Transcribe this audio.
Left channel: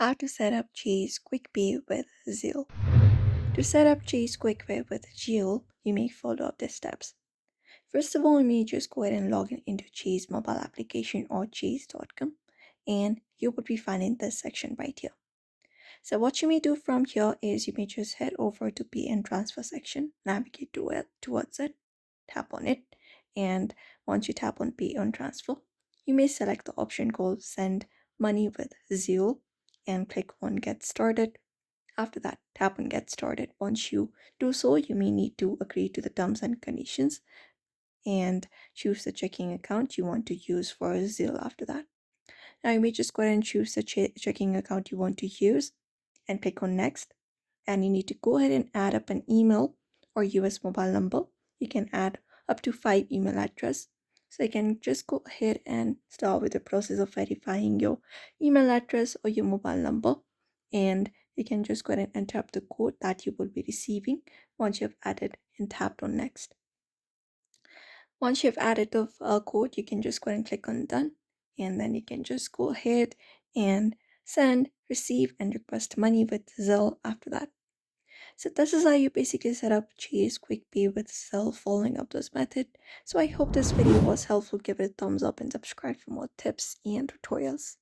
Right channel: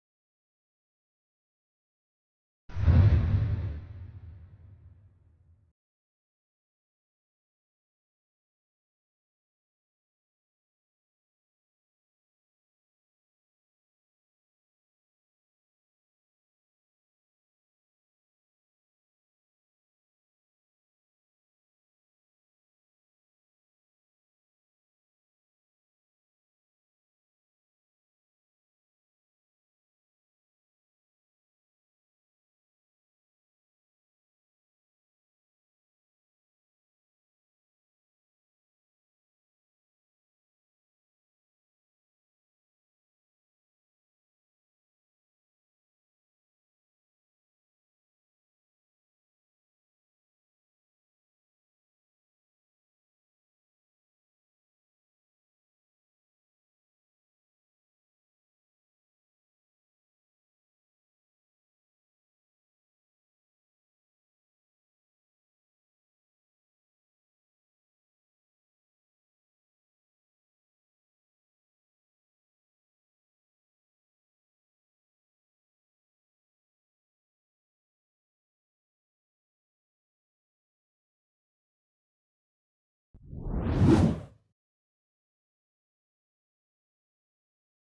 How to set up Chase QuickPay with Zelle. To set up Chase QuickPay with Zelle, you may follow up the steps. First of all, you may just go ahead and log in into Chase mobile application or chase.com, and you would be finding this section right here. So what you may do from here is you may just head over to Pay and Transfer section, navigate towards it, tap on it, and once you tap on Pay and Transfer, you may select the option called Send Money with Zelle and click on Get Started. After that, tap on Get Started. Once you do so, you may need to agree to the terms and conditions and choose the checking account you want to use for Zelle after that. Now you may just go ahead and choose the checking account you want to use and click on Next. And you need to go ahead and add up an email or US mobile number. You can add up to 5 email address. So you can just go ahead and start with the process of verifying your email address or your mobile number. And you can just go ahead and enter up the code that you will be receiving once you have added and tapped on Next. Once you've added the code, you can just go ahead and click on Done. And then you can just go ahead and send, receive, and request money with Zelle after that. So this is how you basically set up Chase QuickPay with Zelle following up this method. So I hope this video was helpful. Give it a thumbs up and subscribe for more tips and tutorials.